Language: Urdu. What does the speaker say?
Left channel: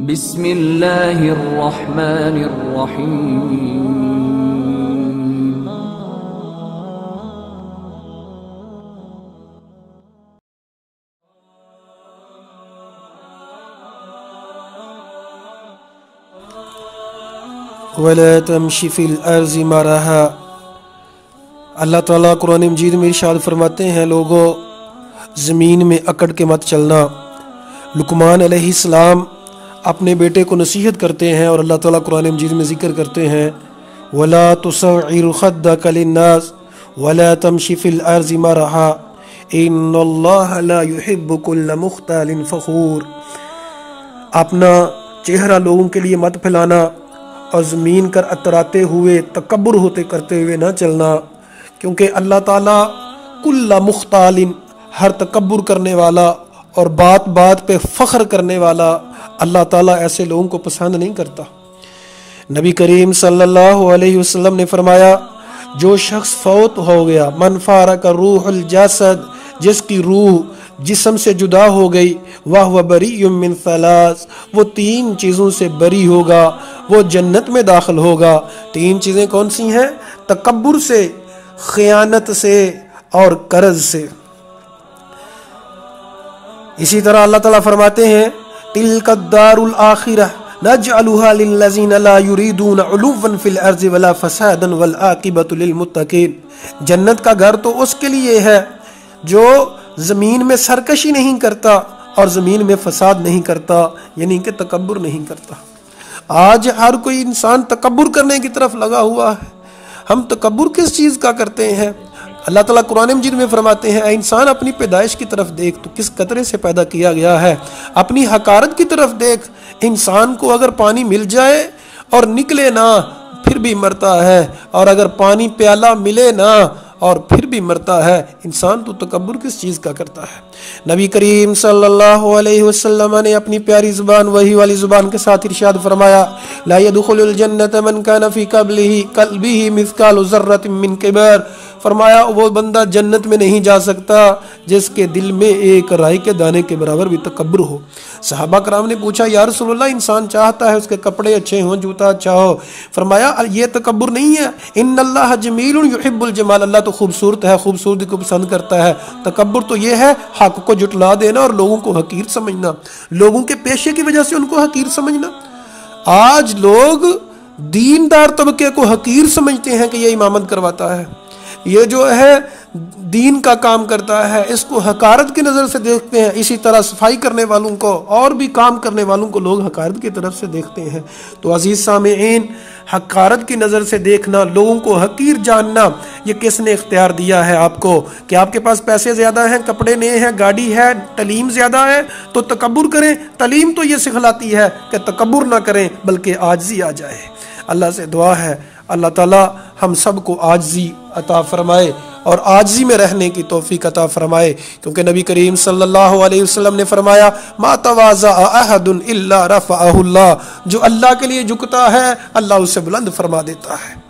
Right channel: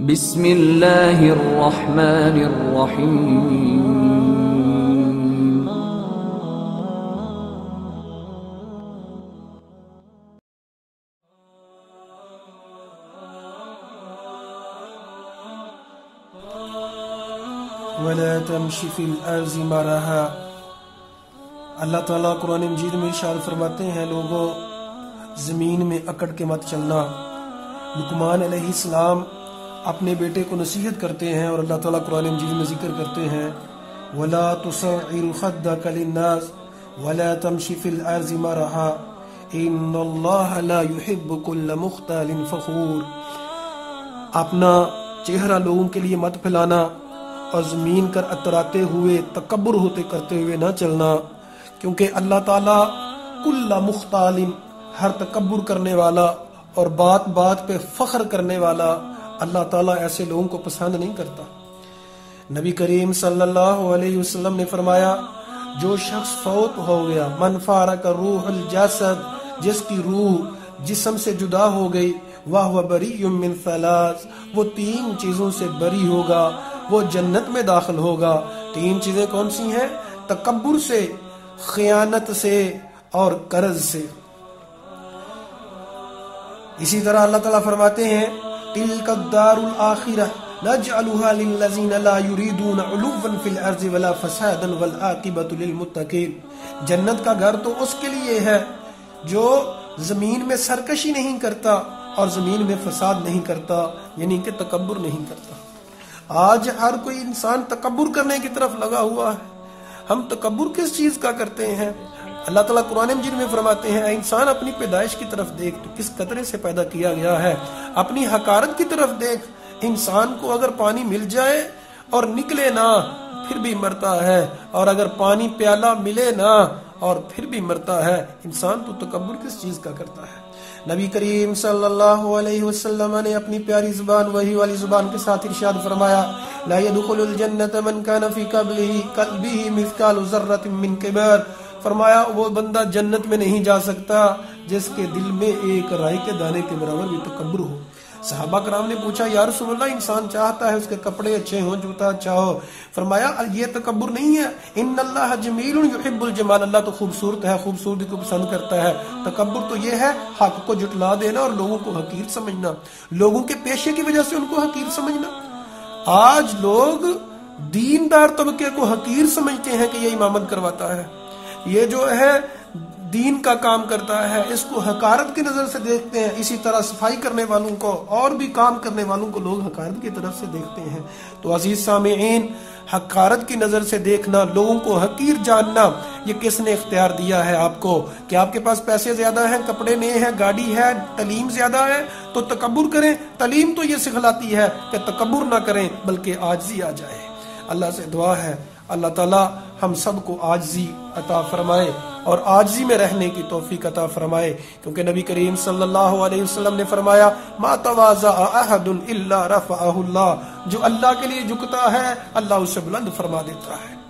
بسم اللہ الرحمن الرحیم وَلَا تَمْشِ فِي الْأَرْضِ مَرَحًا۔ اللہ تعالیٰ قرآن مجید میں ارشاد فرماتے ہیں لوگوں زمین میں اکڑ کے مت چلنا۔ لقمان علیہ السلام اپنے بیٹے کو نصیحت کرتے ہیں اور اللہ تعالیٰ قرآن مجید میں ذکر کرتے ہیں وَلَا تُصَعِّرْ خَدَّكَ لِلنَّاسِ وَلَا تَمْشِ فِي الْأَرْضِ مَرَحًا إِنَّ اللَّهَ لَا يُحِبُّ كُلَّ مُخْتَالٍ فَخُورٍ۔ اپنا چہرہ لوگوں کے لیے مت پھیلانا اور زمین کر اتراتے ہوئے تکبر ہوتے کرتے ہوئے نہ چلنا، کیونکہ اللہ تعالیٰ کل مختال ہر تکبر کرنے والا اور بات بات پہ فخر کرنے والا اللہ تعالیٰ ایسے لوگوں کو پسند نہیں کرتا۔ نبی کریم صلی اللہ علیہ وسلم نے فرمایا جو شخص فوت ہو گیا من فارق روح الجسد، جس کی روح جسم سے جدا ہو گئی وَهُوَ بَرِيٌّ مِّن ثَلَاثٍ، وہ تین چیزوں سے بری ہوگا، وہ جنت میں داخل ہوگا۔ تین چیزیں کون سی ہیں؟ تکبر سے، خیانت سے اور قرض سے۔ اسی طرح اللہ تعالیٰ فرماتے ہیں تِلْكَ الدَّارُ الْآخِرَةُ نَجْعَلُهَا لِلَّذِينَ لَا يُرِيدُونَ عُلُوًّا فِي الْأَرْضِ وَلَا فَسَادًا وَالْعَاقِبَةُ لِلْمُتَّقِينَ۔ جنت کا گھر تو اس کے لیے ہے جو زمین میں سرکشی نہیں کرتا اور زمین میں فساد نہیں کرتا، یعنی کہ تکبر نہیں کرتا۔ آج ہر کوئی انسان تکبر کرنے کی طرف لگا ہوا ہے۔ ہم تکبر کس چیز کا کرتے ہیں؟ اللہ تعالیٰ قرآن مجید میں فرماتے ہیں اے انسان اپنی پیدائش کی طرف دیکھ، تو کس قطرے سے پیدا کیا گیا ہے۔ اپنی حقارت کی طرف دیکھ، انسان کو اگر پانی مل جائے اور نکلے نہ پھر بھی مرتا ہے، اور اگر پانی پیالہ ملے نہ اور پھر بھی مرتا ہے۔ انسان تو تکبر کس چیز کا کرتا ہے؟ نبی کریم صلی اللہ علیہ وسلم نے اپنی پیاری زبان وحی والی زبان کے ساتھ ارشاد فرمایا لا يدخل الجنت من كان في قلبه مثقال ذرة من کبر۔ فرمایا وہ بندہ جنت میں نہیں جا سکتا جس کے دل میں ایک رائی کے دانے کے برابر بھی تکبر ہو۔ صحابہ کرام نے پوچھا یا رسول اللہ انسان چاہتا ہے اس کے کپڑے اچھے ہوں، جوتا اچھا ہو، فرمایا یہ تکبر نہیں ہے۔ ان اللہ جمیل یحب الجمال، اللہ تو خوبصورت ہے، خوبصورتی کو پسند کرتا ہے۔ تکبر تو یہ ہے حق کو جھٹلا دینا اور لوگوں کو حقیر سمجھنا، لوگوں کے پیشے کی وجہ سے ان کو حقیر سمجھنا۔ آج لوگ دیندار طبقے کو حقیر سمجھتے ہیں کہ یہ امامت کرواتا ہے، یہ جو ہے دین کا کام کرتا ہے، اس کو حقارت کی نظر سے دیکھتے ہیں۔ اسی طرح صفائی کرنے والوں کو اور بھی کام کرنے والوں کو لوگ حقارت کی طرف سے دیکھتے ہیں۔ تو عزیز سامعین، حقارت کی نظر سے دیکھنا، لوگوں کو حقیر جاننا، یہ کس نے اختیار دیا ہے آپ کو؟ کہ آپ کے پاس پیسے زیادہ ہیں، کپڑے نئے ہیں، گاڑی ہے، تعلیم زیادہ ہے تو تکبر کریں؟ تعلیم تو یہ سکھلاتی ہے کہ تکبر نہ کریں بلکہ عاجزی آ جائے۔ اللہ سے دعا ہے اللہ تعالیٰ ہم سب کو عاجزی عطا فرمائے اور عاجزی میں رہنے کی توفیق عطا فرمائے، کیونکہ نبی کریم صلی اللہ علیہ وسلم نے فرمایا ما تواضع احد الا رفعہ اللہ، جو اللہ کے لیے جھکتا ہے اللہ اسے بلند فرما دیتا ہے۔